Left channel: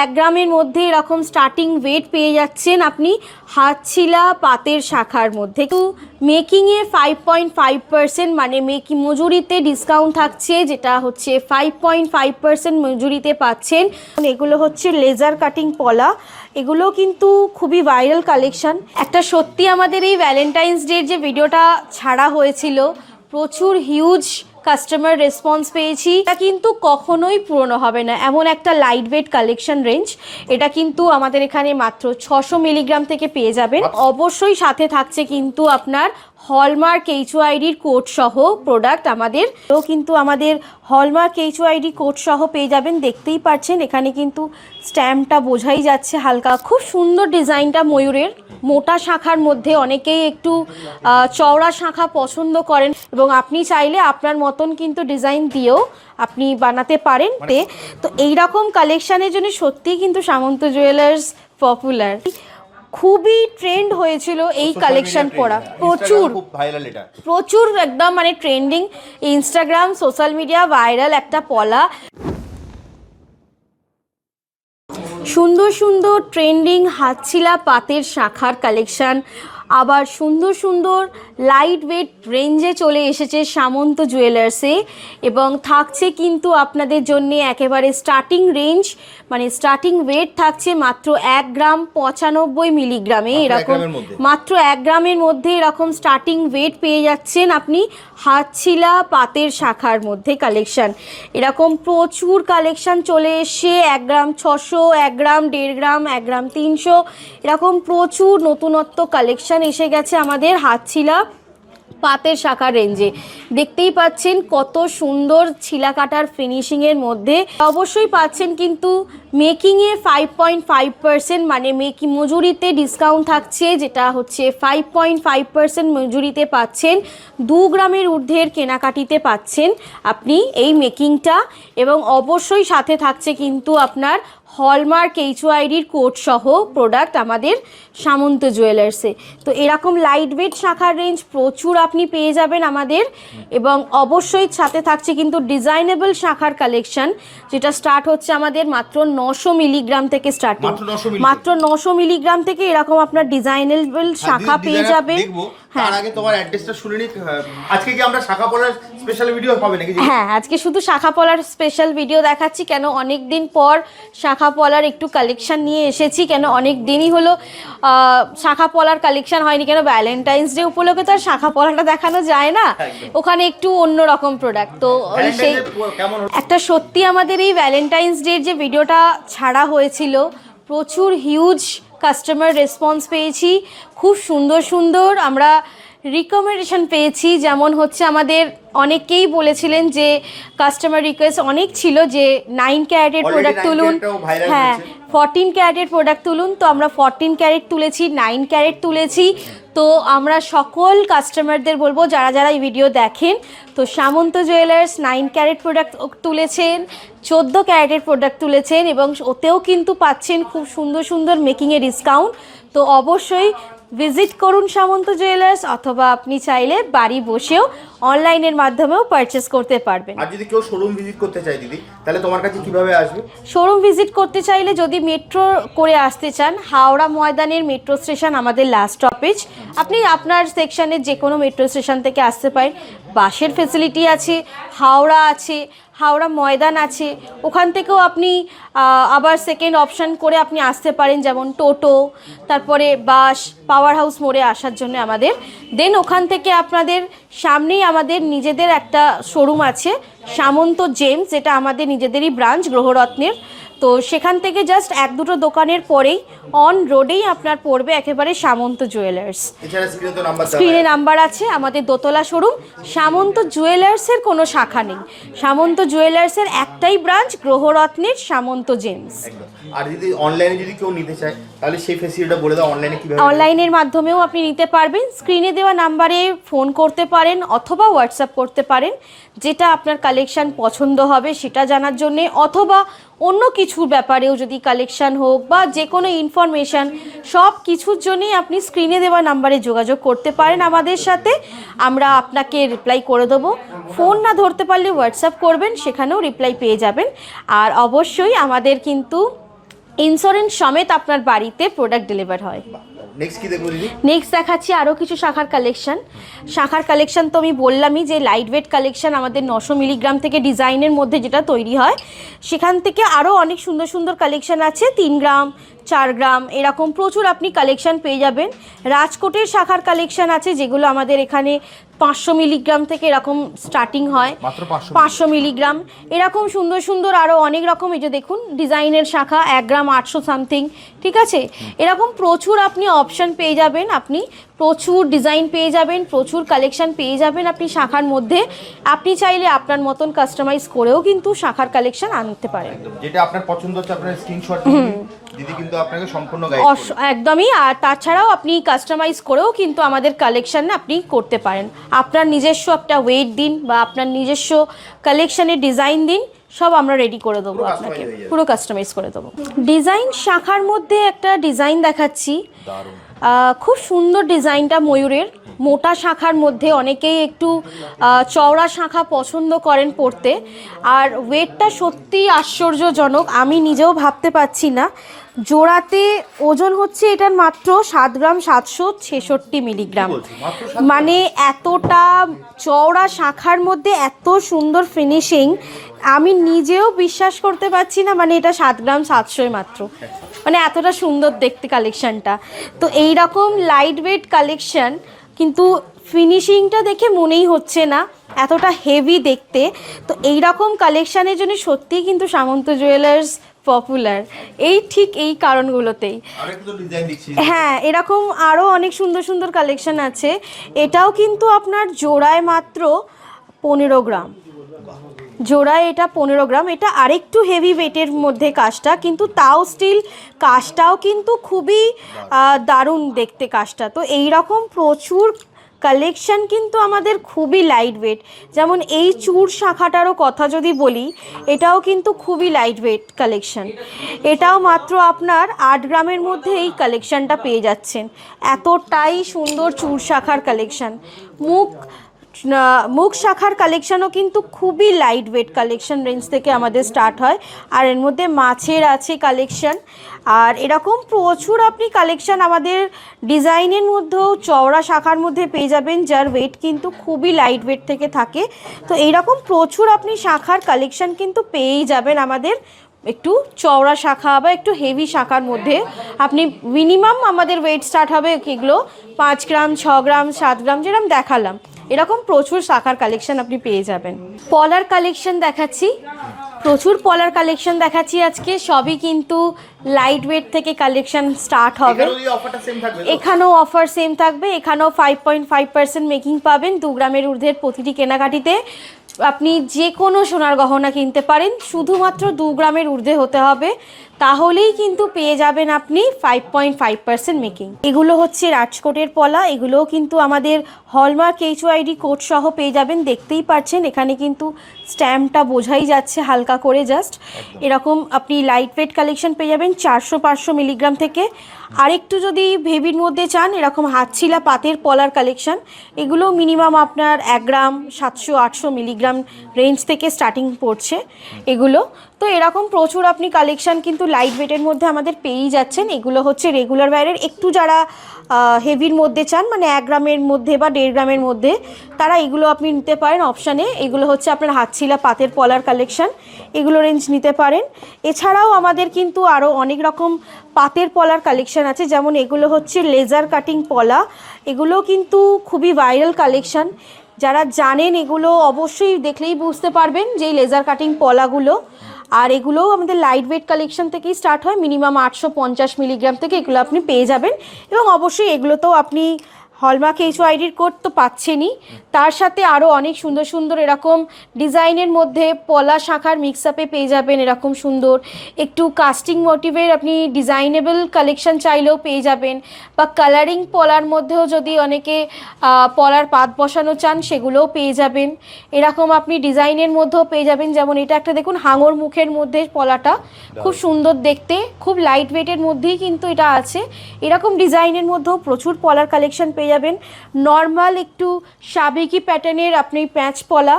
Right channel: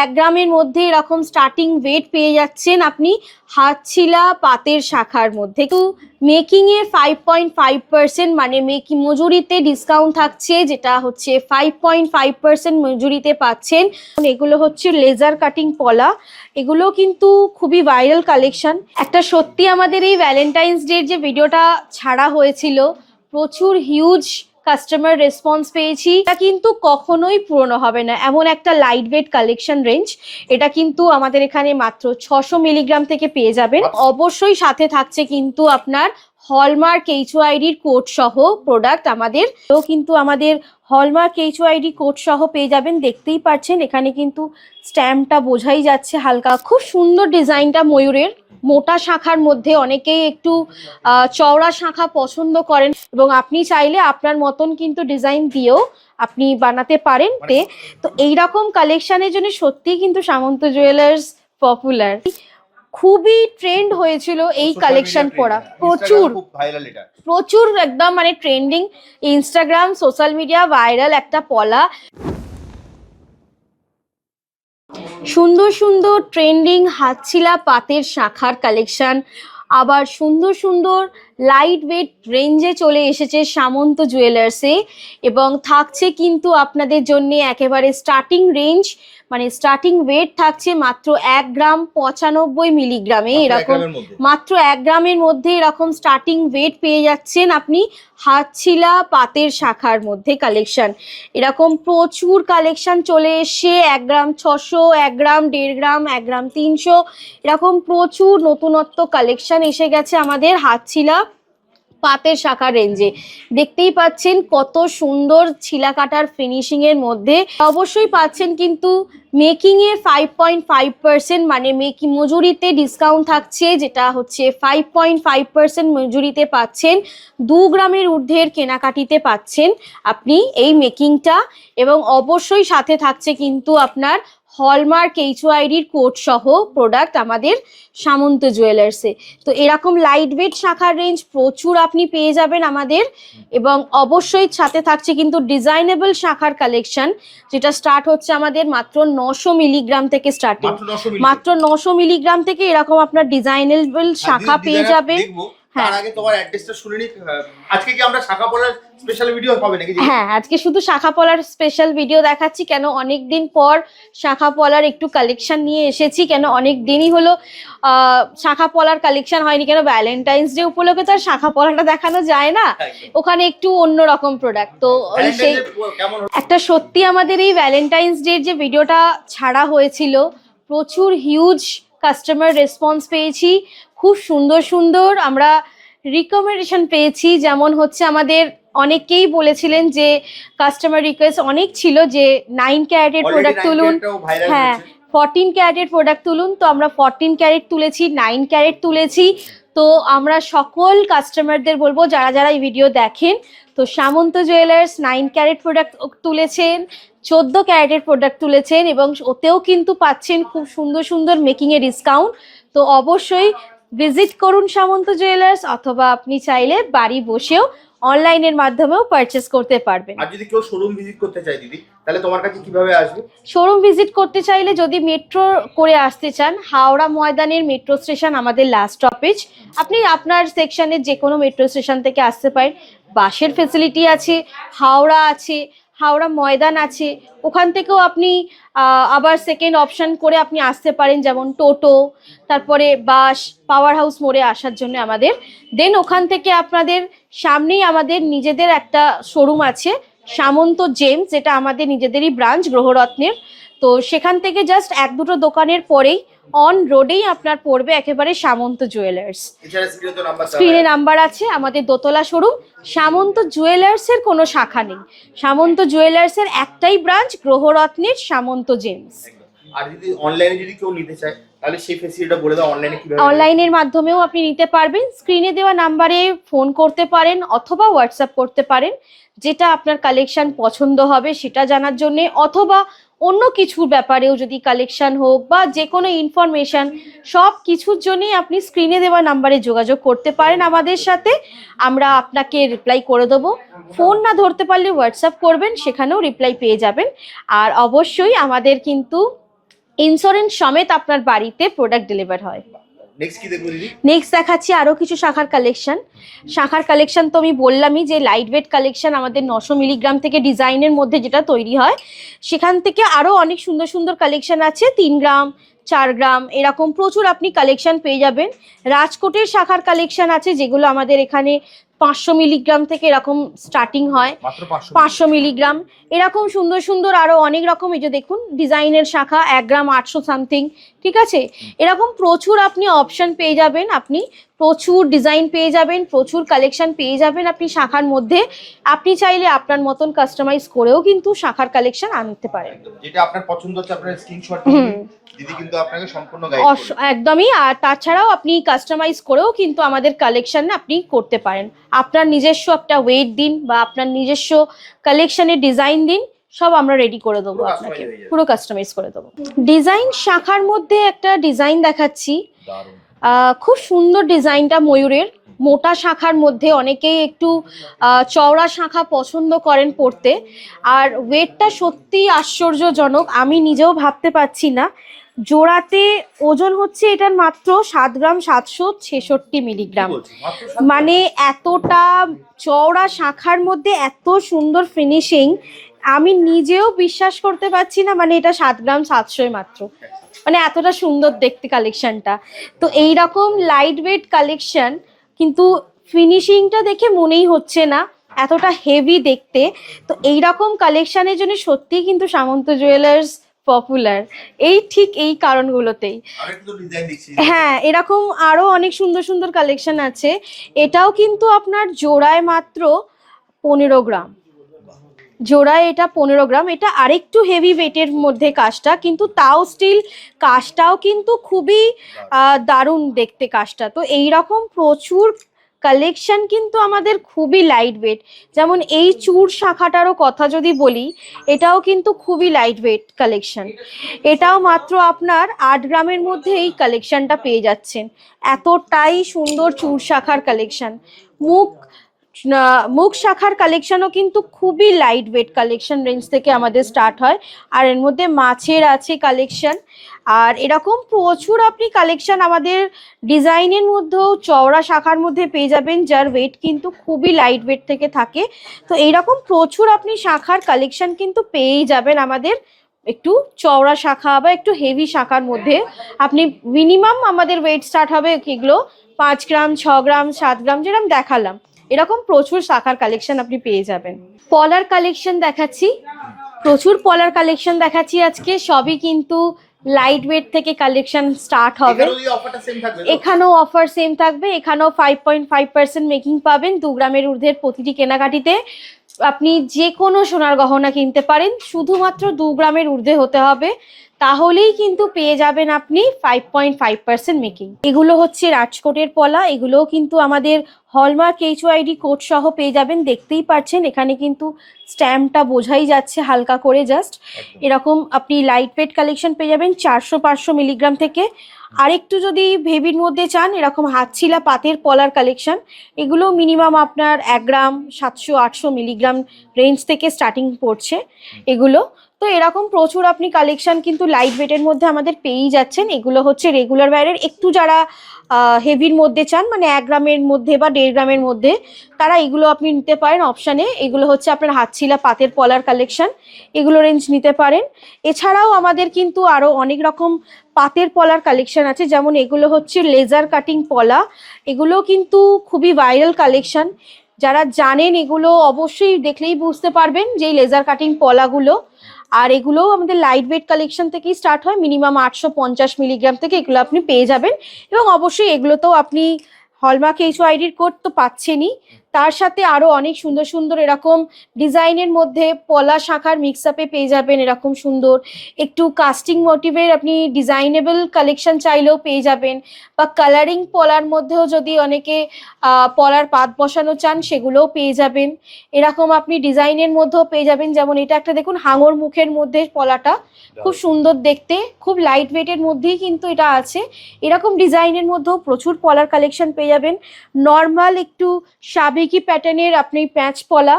1 গ্রামের মধ্যে এরকম স্টার্টিং ওয়েট পেয়ে যাচ্ছেন আপনি হাতছিলা পাতের শাখার মধ্যে। তো মেকিংয়ে 5.5% মানে মজুরিতে ডিসকাউন্ট থাকছে, যেটা হচ্ছে 5.5% মজুরিতে পাচ্ছেন। এগুলো হচ্ছে লেজার কাটিং পলা, এগুলো কিন্তু খুবই ভাইরাল কালেকশন। একটা সত্যি আমাদের এই ভ্যালেন্টাইন্স ডের যে ভিডিওটা ছাড়া হয়েছিল, প্রচুর হিউজ কাস্টমার রেসপন্স পেয়েছি। এটা কিন্তু কখনোই পুরনো হবে না, এমন একটা লাইট ওয়েট কালেকশন রেঞ্জ। এটা কিন্তু আমাদের এখানে মাত্র 600 মিলিগ্রাম থেকে পেয়ে যাবেন। অবশ্যই সাথে থাকছে কিন্তু আপনার হলমার্ক এইচওআইডির কোড সহ প্রোডাক্ট আমাদের, তো কিন্তু আমাদের হলমার্ক এইচওআইডি কোড সহ পেয়ে যাবেন। দেখতেই পাচ্ছেন এখানে কিন্তু স্ট্যাম্পটা বোঝাই যাচ্ছে হালকা। খুব সুন্দর ডিজাইনটা ময়ূরের মোটা শাখার মধ্যে, অনেকেই একটু চওড়া শাখা পছন্দ করেন এবং আপনি চাইলে আপনার মতন কিন্তু ডিজাইন দিয়েও আপনি বানাতে পারেন। তো এইরকম কালেকশানের জন্য সত্যিই কিন্তু সামন্ত জুয়েলার্স পপুলার। খুবই ট্রেন্ড হয়েছিল এই কালেকশন পরা, প্রচুর একদম মানে trending, Instagram social media viral একটা পলা। সুন্দর সুন্দর ট্রেন্ডিং হাতছিলা পাতের শাখার কালেকশান, আবার সুন্দর সুন্দর লাইট ওয়েট রেঞ্জে চলে এসেছে সামন্ত জুয়েলার্সে, এবং থাকছে কিন্তু আপনাদের জন্য একেবারে স্টার্টিং রেঞ্জ, মানে স্টার্টিং ওয়েট থাকছে মাত্র 1 গ্রাম 95 মিলিগ্রামে। এরকম মাত্র 1 গ্রামের মধ্যে এরকম স্টার্টিং ওয়েট পেয়ে যাচ্ছেন আপনি হাতছিলা পাতের শাখার মধ্যে কালেকশন। এরকম প্রচুর কালেকশন চলে এসছে, 1 গ্রাম 600, 1 গ্রাম 1.5 গ্রাম, 1 গ্রাম 300, এরকম প্রচুর নতুনত্ব কালেকশন এসে গেছে আমাদের হাতছিলা পাতের শাখা রেঞ্জে। দেখতেই পাচ্ছেন কত সুন্দর ছিলা কাটার ফিনিশিংয়ের মধ্যে। অবশ্যই পাচ্ছেন কিন্তু মেকিংয়ে 5.5% মানে মজুরিতে ডিসকাউন্ট থাকছে, যেটা হচ্ছে 5.5% মজুরিতে পাচ্ছেন। 2 গ্রামের ঊর্ধ্বের কেনাকাটিতে পাচ্ছেন আপনি এই মেকিংটা, এবং অবশ্যই সাথে থাকছে কিন্তু আপনার হলমার্ক এইচওআইডির কোড সহ প্রোডাক্ট আমাদের সামন্ত জুয়েলার্সে। তো এরকম লাইট ওয়েট শাখার রেঞ্জ প্রচুর আপনি পেয়ে যাবেন আমাদের, এবং অবশ্যই সাথে থাকছে কিন্তু ডিজাইনেবল শাখার কালেকশন, যেটা স্টার্ট হচ্ছে আমাদের মাত্র 900 মিলিগ্রাম থেকে স্টার্টিং, মাত্র 900 মিলিগ্রাম থেকে এরকম আপনার ডিজাইনেবল শাখা পেয়ে যাবেন। তার আগে তোমার অ্যাড্রেসটা শুনে নিই। আজকে কি আমরা শাখা পলার স্পেশাল ভিডিও পাবে নাকি? হ্যাঁ, আজকে শুধু শাখা পলার স্পেশাল ভিডিও দেখাচ্ছি, কেন অনেক দিন পর শাখা পলার একটু কালেকশন নিয়ে এসেছি, কেন অনেক দিনই হলো শাখা পলার কালেকশন হয়নি, কেন ভ্যালেন্টাইন্স ডে উপলক্ষে তো আর শাখা পলাটা দেখানো যায় না, ওখানে একটু অন্যরকম প্রোডাক্ট। তো সেই একটা সত্যি আমাদের এই ভ্যালেন্টাইন্স ডের যে ভিডিওটা ছাড়া হয়েছিল, প্রচুর হিউজ কাস্টমার রেসপন্স পেয়েছি, খুব সুন্দর সুন্দর আমরা রিকমেন্ডেশন পেয়েছি। যেমন হচ্ছে আমাদের অনেকেই বলেছিলেন যে কাস্টমার রিকোয়েস্ট অনেক ছিল যে 9 ক্যারেটের প্রোডাক্ট তুলুন, হ্যাঁ 14 ক্যারেটের প্রোডাক্ট তুলুন। তো আমরা 14 ক্যারেট তুলেছি, 9 ক্যারেট তুলেছি। তো আমরা সকল কাস্টমারদের বলবো যারা যারা এই ভিডিও দেখেন, তো সামন্ত জুয়েলার্স 9 ক্যারেট প্রোডাক্ট তুলেছেন, 14 ক্যারেটের প্রোডাক্ট তুলেছেন, এবং ওতেও কিন্তু পাচ্ছেন খুব সুন্দর সুন্দর মেকিংয়ে ডিসকাউন্ট। তো অবশ্যই ভিজিট করুন সামন্ত জুয়েলার্স, অথবা আপনি চাইলে বাড়ি বসেও অনলাইনের মাধ্যমেও পারচেজ করতে পারবেন। আর যদি কেউ শোরুম ভিজিট করতে চায় দিদি, তাহলে তোমার কাছে কিভাবে আসবে? শোরুম ভিজিট করতে চাইলে যদি মেট্রো করে আসতে চান, হাওড়া ময়দানের মেট্রো স্টেশন আমাদের লাস্ট স্টপেজ। আপনি আপনার সেকশনের যে কোনো মেট্রো স্টেশন থেকে আসতে পারেন। বাসের ফেসিলিটি আছে, হাওড়া আছে, হাওড়া ময়দান আছে, ওখান থেকেও আপনি আবার সেকেন্ড অপশান করে আপনি আসতে পারেন, যেমন টোটো, তারপরে বাস, পাওয়ার হাউস মোড়ে আসার জন্য আমাদের। দেন ওখান থেকে আপনাদের সামনেই আমাদের নিজেদের একটা শোরুম আছে সামন্ত জেমস, যেটা আমাদের নিজেদেরই ব্রাঞ্চ গ্রহরত্নের। তো সেখান থেকে জাস্ট 1-2 দোকানের পরেই অন রোডেই আপনার পড়বে একেবারে সামন্ত জুয়েলার্স। স্ক্রিনে নাম্বার আছে, আমাদের দোতলা শোরুম। সামন্ত জুয়েলার্সের কোনো শাখা নেই, সামন্ত জুয়েলার্সের একটাই ব্রাঞ্চ গ্রহরত্নের সামন্ত জেমস। আর যদি অনলাইনে যদি কেউ নিতে চায় তাহলে সেই ফ্যাসিলিটিটা বলে দাও, অনলাইনে কিভাবে? অনলাইনের মাধ্যমেও আপনি নিতে পারবেন, স্ক্রিনে দেওয়া নাম্বারে ফোন করতে পারেন অথবা হোয়াটসঅ্যাপ করতে পারেন, যেটা আপনার কালেকশন পছন্দ হবে সেটা জানার জন্য, অথবা অন্য কিছুর ব্যাপারেও যদি কালেকশন হোক বা যে কোনো ইনফরমেশান, সব কিছুর জন্যই আপনি স্ক্রিনে দেওয়া নাম্বারে যোগাযোগ করতে পারেন আমাদের সাথে, আমরা আপনাকে রিপ্লাই করে দেবো। ফোন না ধরতে পারলে হোয়াটসঅ্যাপ করবেন, সেখানেও রিপ্লাই পেয়ে যাবেন। আর অবশ্যই আমাদের কিন্তু ইন্স্যুরেন্স সমেত আপনার বাড়িতে প্রোডাক্ট ডেলিভার হয়। নেক্সট কি দেখবো দিদি? নেক্সট দেখাচ্ছি আরও কিছু শাখার কালেকশন তো আমি বললামই যে লাইট ওয়েট কালেকশন আমাদের 900 মিলিগ্রাম থেকে ডিজাইনের মধ্যে যেটা তৈরি হয়, সেখান থেকে আরও অনেক সুন্দর সুন্দর কালেকশন আছে। 3 গ্রাম, 4 গ্রাম এরকম প্রচুর আপনি কালেকশন পেয়ে যাবেন। রাজকোটের শাখার কালেকশন আছে, যেগুলো আমাদের এখানে 500 মিলিগ্রাম থেকে এরকম স্টার্টিং হয়, মাত্র 500 মিলিগ্রাম। এরকম সুন্দর সুন্দর আরও অনেক রকম, এই যে দেখুন ডিজাইনের শাখা 1 গ্রাম 800 সামথিং, ঠিক আছে। এরকম প্রচুর আপনি অপশন পেয়ে যাবেন, আপনি প্রচুর ডিজাইন পেয়ে যাবেন, প্রচুর কালেকশন পেয়ে যাবেন আপনি শাখার মধ্যে। আপনি চাইলে আপনার মতন কাস্টমাইজ করেও কিন্তু শাখার কালেকশন আনতে পারেন। যেটা আপনার পছন্দ হচ্ছে আপনার স্ক্রিনশট দিদি কিন্তু আপনাকে সম্পূর্ণ গাইড একদমই। আর তাছাড়াও আপনি কাস্টমাইজ করেও কিন্তু আমাদের কালেকশন আপনি করতে পারেন। আপনার নিজস্ব একটা ওয়েট দিন বা আপনার নিজস্ব কালেকশনের ডিজাইন দিন, সব আমরা রেডি করে দেবো আপনাকে, পুরো কাস্টমাইজ করে দেবো। ডিজাইন শাখার মধ্যে একটা ডিজাইন দেখাচ্ছি, খুব সুন্দর ডিজাইনটা ময়ূরের। মোটা শাখার মধ্যে অনেকেই একটু চওড়া শাখা পছন্দ করেন পরতে, আর ওয়েটটা সত্যি আশ্চর্যজনক, আমি নিজেও ভাবতে পারছি না। জোড়াতে ওজন হচ্ছে এটার মাত্র 7 গ্রাম 766 মিলিগ্রাম, মানে এতটা চওড়া শাখার মধ্যে এত সুন্দর ফিনিশিং, আমি নিজেও বিশ্বাস করতে পারছি না, মানে এটা 7 গ্রাম 700 মাত্র, মানে এতটা সুন্দর দেখতে কালেকশানটা। তো এই রকম লাইট ওয়েট কালেকশান কিন্তু ফিনিশিংটা দেখে মনেই হচ্ছে না এতটা হেভি দেখতে। তো এই রকম কালেকশানের জন্য সত্যিই কিন্তু সামন্ত জুয়েলার্স পপুলার, ঠিক এই কারণগুলোতেই। হ্যাঁ, এরকম আরও অনেক সুন্দর সুন্দর কালেকশান আছে। এটাও কিন্তু আপনার জোড়ায় মাত্র 15 গ্রাম, জোড়ায় এটা 15 গ্রাম। এটা আরেকটু হেভি ওয়েটের মধ্যে কাজটা, কিন্তু তাও স্টিল কাজটাও কিন্তু খুবই দারুণ দেখতে কাজটা। তো এই রকম প্রচুর কালেকশন কিন্তু আমাদের খুবই লাইট ওয়েট। যেমন এই চূড় শাখাটারও কথা যদি বলি, এটাও কিন্তু খুবই লাইট ওয়েট কালেকশন। এটাও মাত্র আপনার 8 গ্রামের মধ্যে এই কালেকশনটা পেয়ে যাচ্ছেন। এতটাই সুন্দর চূড় শাখার কালেকশন। মুখ শাখার কালেকশনও কিন্তু খুবই লাইট ওয়েট কালেকশন রেঞ্জ থেকে আমাদের স্টার্ট হয়, আর এর মধ্যে মাছের আছে কালেকশন। আর এরকম প্রচুর আপনি কালেকশন আমাদের ডিজাইনের মধ্যেও চওড়া শাখার মধ্যে পেয়ে যাবেন, যার ওয়েট কিন্তু খুবই লাইট ওয়েট থেকে থাকে। তো এইরকম প্রচুর আপনি শাখার কালেকশন কিন্তু পেয়েই যাবেন আমাদের একটু চওড়া শাখা বা একটু হেভি শাখার মধ্যে। আপনি মিনিমাম আমাদের ওয়েট স্টার্ট হবে এগুলো 5 গ্রাম 6 গ্রাম 7 গ্রাম যেরকম দেখালাম, এরকম প্রচুর শাখার কালেকশন আপনি পেয়ে যাবেন। পলার কালেকশন দেখাচ্ছি, প্রচুর পলার কালেকশন দেখাচ্ছি আজকে। সবই কিন্তু লাইট ওয়েট থেকে কালেকশন স্টার্ট হবে। এখানেও অফার সেম থাকবে, এখানেও 5.5% মেকিং পাবেন 2 গ্রামের ঊর্ধ্বের প্রতিটি কেনাকাটিতে। আপনি যে কোনো সোনার গহনা কিনতে পারেন, শুধুমাত্র 2 গ্রামের ঊর্ধ্বে হতে হবে, তাহলেই কিন্তু পেয়ে যাবেন আপনি 5.5% মেকিং। এগুলো হচ্ছে রাজকোটের পলা, এগুলোও কিন্তু আমাদের হলমার্ক HYD কোড সহ পেয়ে যাবেন। দেখতেই পাচ্ছেন এখানে কিন্তু স্ট্যাম্পটা বোঝাই যাচ্ছে হালকা করে, জাস্ট এরকম আপনি লাইট ওয়েট কালেকশন পেয়ে যাবেন 400-500 মিলিগ্রাম থেকে। আরেকটু যদি হেভির মধ্যে চান, এরকম হাতছিলা পাতের পলার কালেকশন, এগুলো মিনিমাম আপনার 1 গ্রাম 700-800 মিলিগ্রাম রেঞ্জ থেকে স্টার্টিং পড়ছে এগুলো। তো এরকম প্রচুর আপনি কালেকশন কিন্তু লাইট ওয়েটের মধ্যে আমাদের পেয়েই যাচ্ছেন। এগুলো হচ্ছে রেগুলার ওয়্যারের, একটু যারা হেভির মধ্যে চান, মানে 1 গ্রামের মধ্যে বা 1.5 গ্রামের মধ্যে, তারা এগুলো আপনি নিতে পারেন অপশানে। এগুলো হচ্ছে আপনার হাতছিলা পাতের পলার কালেকশন, এগুলো রেঞ্জ নিতে পারেন। এছাড়াও আমাদের কিন্তু আরও অনেক রকম পাতের পলার কালেকশন আছে, যেমন এগুলো হচ্ছে লেজার কাটিং পলা, এগুলো কিন্তু খুবই ভাইরাল কালেকশন। যারা জানেন এগুলো অবশ্যই দেখলেই বুঝতে পারবেন যে লেজার কাটিং পলাগুলো। আর এগুলোও আমাদের লাইট ওয়েট কালেকশন থেকেই স্টার্ট হয়, মিনিমাম 850 মিলিগ্রাম থেকে এগুলো আপনি পেয়ে যাবেন। এবং অবশ্যই এগুলোতেও আপনি হলমার্ক HYDর কোড তো পাচ্ছেনই, তার সাথে আরও অনেক সুন্দর সুন্দর এরকম ডিজাইনের মধ্যে পলা শাখার মিক্সআপে পেয়ে যাবেন। এরকম সুন্দর একটু কাস্টিং মোটিভের আপনি ডিজাইনেবল কালেকশন চাইলেও পেয়ে যাবেন, বা কালারিং পলার মধ্যেও যদি অনেকে পলার পাত বসানো চান সেগুলোও পেয়ে যাবেন। এরকম আপনি ডিজাইনের মধ্যেও পেয়ে যাবেন, যেমন এটা একটা দেখুন হাঙর মুখের মধ্যে পলাটা, খুব সুন্দর দেখতে, খুব লাইট ওয়েটের মধ্যেই কিন্তু এটা আছে। এরকম ডিজাইনের মধ্যেও প্রচুর পলার কালেকশন পেয়ে যাবেন। নর্মাল একটু সাবেকি প্যাটার্নের আপনি প্যাঁচ পলা,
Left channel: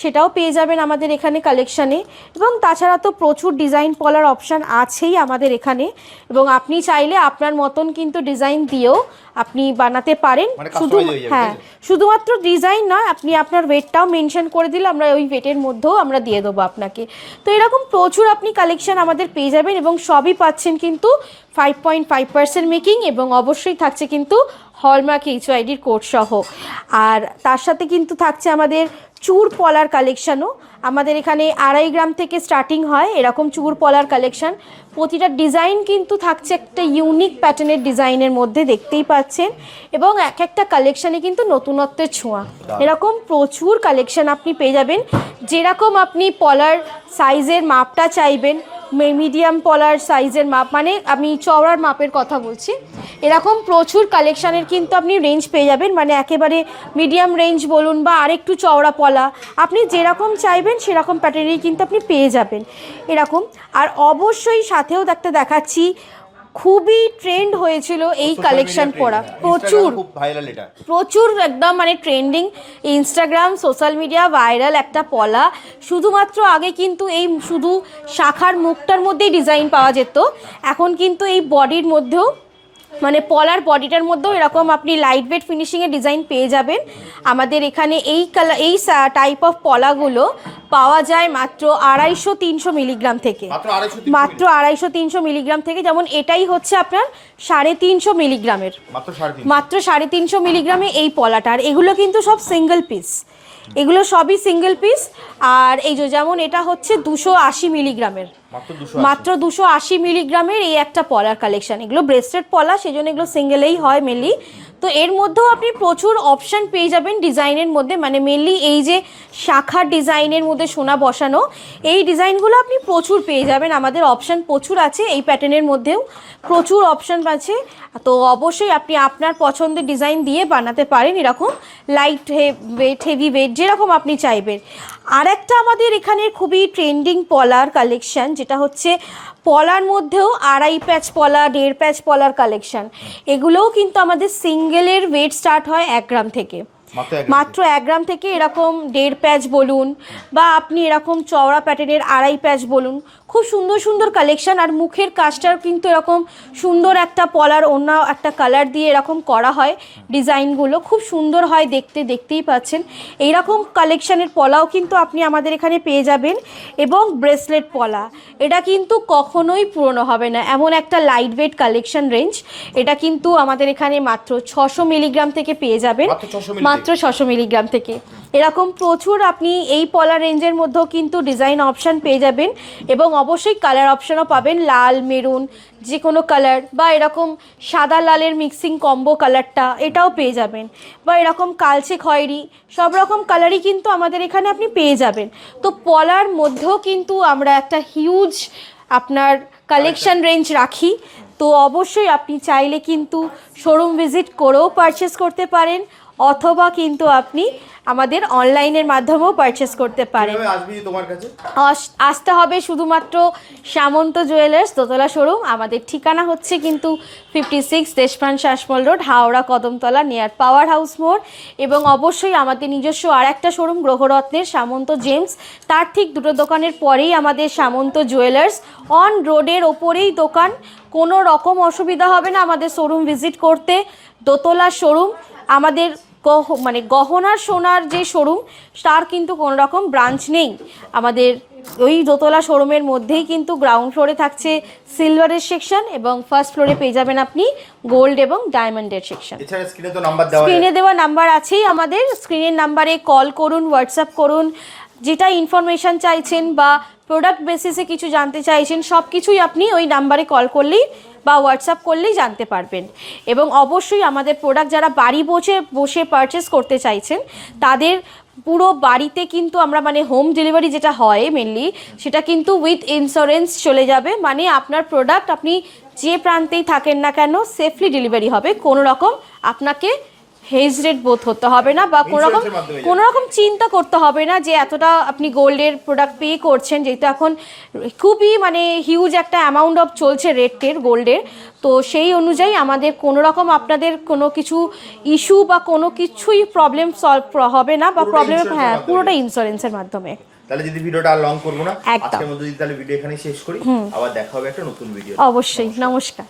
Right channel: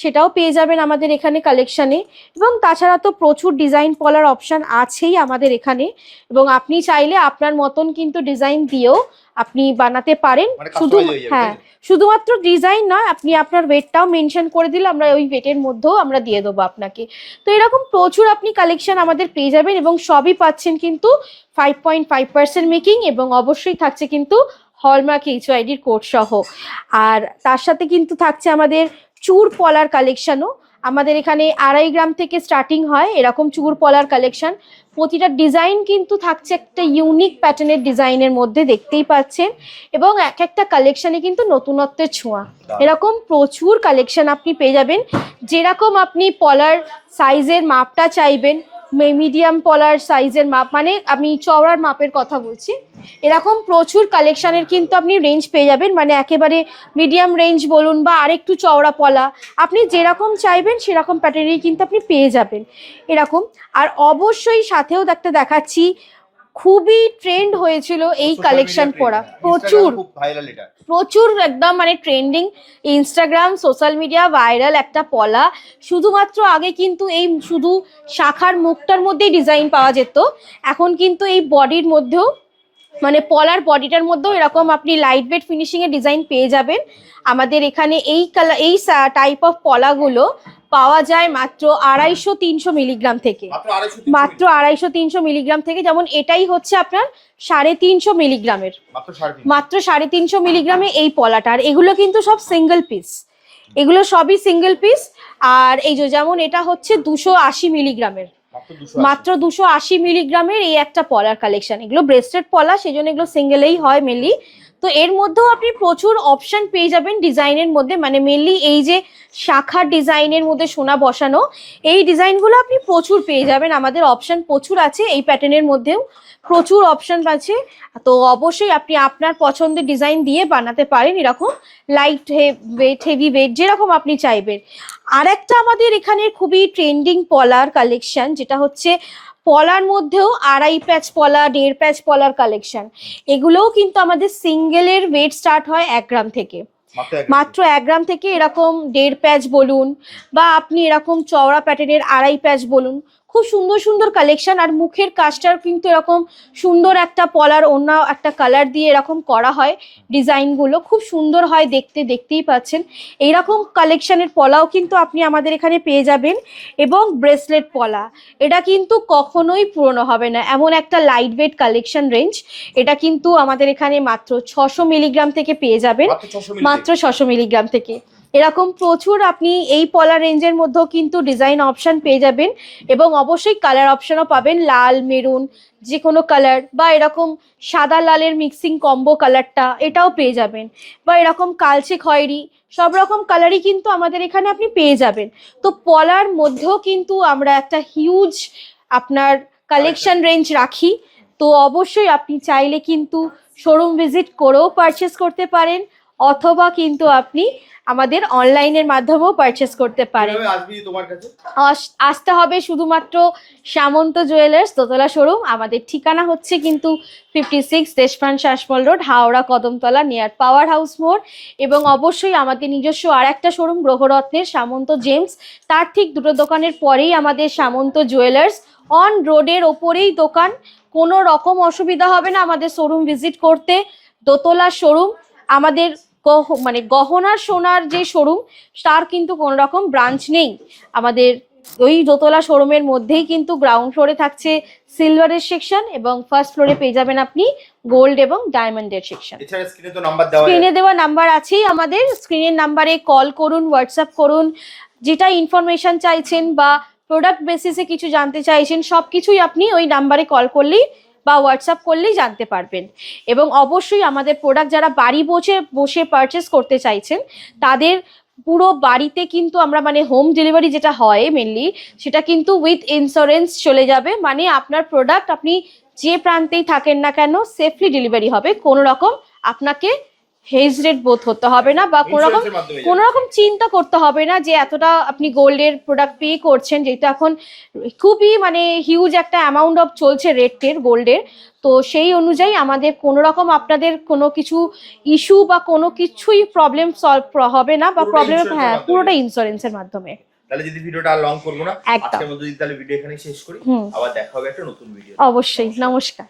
সেটাও পেয়ে যাবেন আমাদের এখানে কালেকশানে। এবং তাছাড়া তো প্রচুর ডিজাইন পলার অপশান আছেই আমাদের এখানে, এবং আপনি চাইলে আপনার মতন কিন্তু ডিজাইন দিয়েও আপনি বানাতে পারেন। মানে শুধু কাস্টমাইজ হয়ে যাবে, হ্যাঁ, তাই তো? শুধুমাত্র ডিজাইন নয়, আপনি আপনার ওয়েটটাও মেনশন করে দিলে আমরা ওই ওয়েটের মধ্যেও আমরা দিয়ে দেবো আপনাকে। তো এরকম প্রচুর আপনি কালেকশন আমাদের পেয়ে যাবেন, এবং সবই পাচ্ছেন কিন্তু 5.5% মেকিং, এবং অবশ্যই থাকছে কিন্তু হলমার্ক HYDর কোড সহ। আর তার সাথে কিন্তু থাকছে আমাদের চূড় পলার কালেকশানও। আমাদের এখানে 2.5 গ্রাম থেকে স্টার্টিং হয় এরকম চূড় পলার কালেকশন। প্রতিটা ডিজাইন কিন্তু থাকছে একটা ইউনিক প্যাটার্নের ডিজাইনের মধ্যে, দেখতেই পাচ্ছেন, এবং এক একটা কালেকশানে কিন্তু নতুনত্বের ছোঁয়া। এরকম প্রচুর কালেকশন আপনি পেয়ে যাবেন। যেরকম আপনি পলার সাইজের মাপটা চাইবেন, মিডিয়াম পলার সাইজের মাপ, মানে আমি চওড়ার মাপের কথা বলছি, এরকম প্রচুর কালেকশানের কিন্তু আপনি রেঞ্জ পেয়ে যাবেন। মানে একেবারে মিডিয়াম রেঞ্জ বলুন বা আরেকটু চওড়া পলা, আপনি যেরকম চাইবেন সেরকম প্যাটার্নেরই কিন্তু আপনি পেয়ে যাবেন এরকম। আর অবশ্যই সাথেও দেখাচ্ছি, খুবই ট্রেন্ড হয়েছিল এই কালেকশন পরা, প্রচুর খুব ভাইরাল এটা। প্রচুর একদম মানে trending, Instagram social media viral একটা পলা। শুধুমাত্র আগে কিন্তু এই শুধু শাখার মুখটার মধ্যেই ডিজাইন পাওয়া যেত, এখন কিন্তু এই বডির মধ্যেও, মানে পলার বডিটার মধ্যেও এরকম আপনি লাইট ওয়েট ফিনিশিংয়ের ডিজাইন পেয়ে যাবেন। আমাদের এখানে এই কালার এই টাইপ অফ পলাগুলো পাওয়া যায় মাত্র 250-300 মিলিগ্রাম থেকে, মাত্র 250-300 মিলিগ্রাম থেকে। যেমন এটাই হচ্ছে আপনার 350 মিলিগ্রামের, মাত্র 350 মিলিগ্রামে এই পলাটা। আর এগুলো কিন্তু সব সিঙ্গেল পিস, এগুলো সবই সিঙ্গেল পিস। আর এই যে যেমন এটা হচ্ছে 280 মিলিগ্রামের, মাত্র 280 মিলিগ্রামের এই একটা পলার কালেকশন। এগুলো ব্রেসলেট পলা, সেই জন্য এগুলো সিঙ্গেলেই হয় মেনলি। তো এর মধ্যেও আপনি প্রচুর অপশান পেয়ে যাবেন ডিজাইনের মধ্যে, মানে মেনলি এই যে শাখার ডিজাইনের মধ্যে সোনা বসানো এই ডিজাইনগুলো আপনি প্রচুর পেয়ে যাবেন। আমাদের অপশান প্রচুর আছে, এই প্যাটার্নের মধ্যেও প্রচুর অপশান আছে। তো অবশ্যই আপনি আপনার পছন্দের ডিজাইন দিয়ে বানাতে পারেন এরকম লাইট ওয়েট, হেভি ওয়েট, যেরকম আপনি চাইবেন। আর একটা আমাদের এখানে খুবই ট্রেন্ডিং পলার কালেকশন, যেটা হচ্ছে পলার মধ্যেও 2.5 প্যাচ পলা, 1.5 প্যাচ পলার কালেকশন। এগুলোও কিন্তু আমাদের সিঙ্গেলের ওয়েট স্টার্ট হয় 1 গ্রাম থেকে, মাত্র 1 গ্রাম থেকে। এরকম 1.5 প্যাচ বলুন বা আপনি এরকম চওড়া প্যাটার্নের 2.5 প্যাচ বলুন, খুব সুন্দর সুন্দর কালেকশন। আর মুখের কাজটার কিন্তু এরকম সুন্দর একটা পলার অন্য একটা কালার দিয়ে এরকম করা হয়, ডিজাইনগুলো খুব সুন্দর হয় দেখতে, দেখতেই পাচ্ছেন। এইরকম কালেকশানের পলাও কিন্তু আপনি আমাদের এখানে পেয়ে যাবেন। এবং ব্রেসলেট পলা, এটা কিন্তু কখনোই পুরনো হবে না, এমন একটা লাইট ওয়েট কালেকশন রেঞ্জ। এটা কিন্তু আমাদের এখানে মাত্র 600 মিলিগ্রাম থেকে পেয়ে যাবেন, মাত্র 600 মিলিগ্রাম থেকে। এরকম প্রচুর আপনি এই পলা রেঞ্জের মধ্যেও কিন্তু ডিজাইন অপশান পেয়ে যাবেন, এবং অবশ্যই কালার অপশানও পাবেন, লাল, মেরুন, যে কোনো কালার, বা এরকম সাদা লালের মিক্সিং কম্বো কালারটা এটাও পেয়ে যাবেন, বা এরকম কালচে খয়েরি, সব রকম কালারই কিন্তু আমাদের এখানে আপনি পেয়ে যাবেন। তো পলার মধ্যেও কিন্তু আমরা একটা হিউজ আপনার কালেকশন রেঞ্জ রাখি। তো অবশ্যই আপনি চাইলে কিন্তু শোরুম ভিজিট করেও পারচেস করতে পারেন, অথবা কিন্তু আপনি আমাদের অনলাইনের মাধ্যমেও পারচেস করতে পারেন। আসতে হবে শুধুমাত্র সামন্ত জুয়েলার্স দোতলা শোরুম। আমাদের ঠিকানা হচ্ছে কিন্তু 56 Deshapran Sasmal road, Howrah Kadamtala, near power house মোড়। এবং অবশ্যই আমাদের নিজস্ব আর একটা শোরুম গ্রহরত্নের সামন্ত জেমস, তার ঠিক দুটো দোকানের পরেই আমাদের সামন্ত জুয়েলার্স, অন রোডের ওপরেই দোকান। কোনো রকম অসুবিধা হবে না আমাদের শোরুম ভিজিট করতে। দোতলা শোরুম আমাদের, মানে গহনার সোনার যে শোরুম, তার কিন্তু কোনো রকম ব্রাঞ্চ নেই আমাদের। ওই দোতলা শোরুমের মধ্যেই কিন্তু গ্রাউন্ড ফ্লোরে থাকছে সিলভারের সেকশন, এবং ফার্স্ট ফ্লোরে পেয়ে যাবেন আপনি গোল্ড এবং ডায়মন্ডের সেকশন। স্ক্রিনে দেওয়া নাম্বার আছেই আমাদের, স্ক্রিনের নাম্বারে কল করুন, হোয়াটসঅ্যাপ করুন, যেটা ইনফরমেশান চাইছেন বা প্রোডাক্ট বেসিসে কিছু জানতে চাইছেন, সব কিছুই আপনি ওই নাম্বারে কল করলেই বা হোয়াটসঅ্যাপ করলেই জানতে পারবেন। এবং অবশ্যই আমাদের প্রোডাক্ট যারা বাড়ি বসে পারচেস করতে চাইছেন, তাদের পুরো বাড়িতে কিন্তু আমরা, মানে হোম ডেলিভারি যেটা হয় মেনলি, সেটা কিন্তু উইথ ইন্স্যুরেন্স চলে যাবে। মানে আপনার প্রোডাক্ট আপনি যে প্রান্তেই থাকেন না কেন সেফলি ডেলিভারি হবে, কোনো রকম আপনাকে হেজিটেট বোধ হতে হবে না বা Insurance-এর মাধ্যমে কোনো রকম চিন্তা করতে হবে না যে এতটা আপনি গোল্ডের প্রোডাক্ট পে করছেন, যেহেতু এখন খুবই মানে হিউজ একটা অ্যামাউন্ট অফ চলছে রেটের গোল্ডের। তো সেই অনুযায়ী আমাদের কোনো রকম আপনাদের কোনো কিছু ইস্যু বা কোনো কিছুই প্রবলেম সলভ হবে না বা পুরোটা প্রবলেম, insurance-এর হ্যাঁ, মাধ্যমে। পুরোটা ইন্স্যুরেন্সের মাধ্যমে। তাহলে যদি ভিডিওটা আর লং করবো না, একদম। আজকের মধ্যে যদি তাহলে ভিডিও এখানে শেষ করি, আবার দেখা হবে একটা নতুন ভিডিও। অবশ্যই, নমস্কার।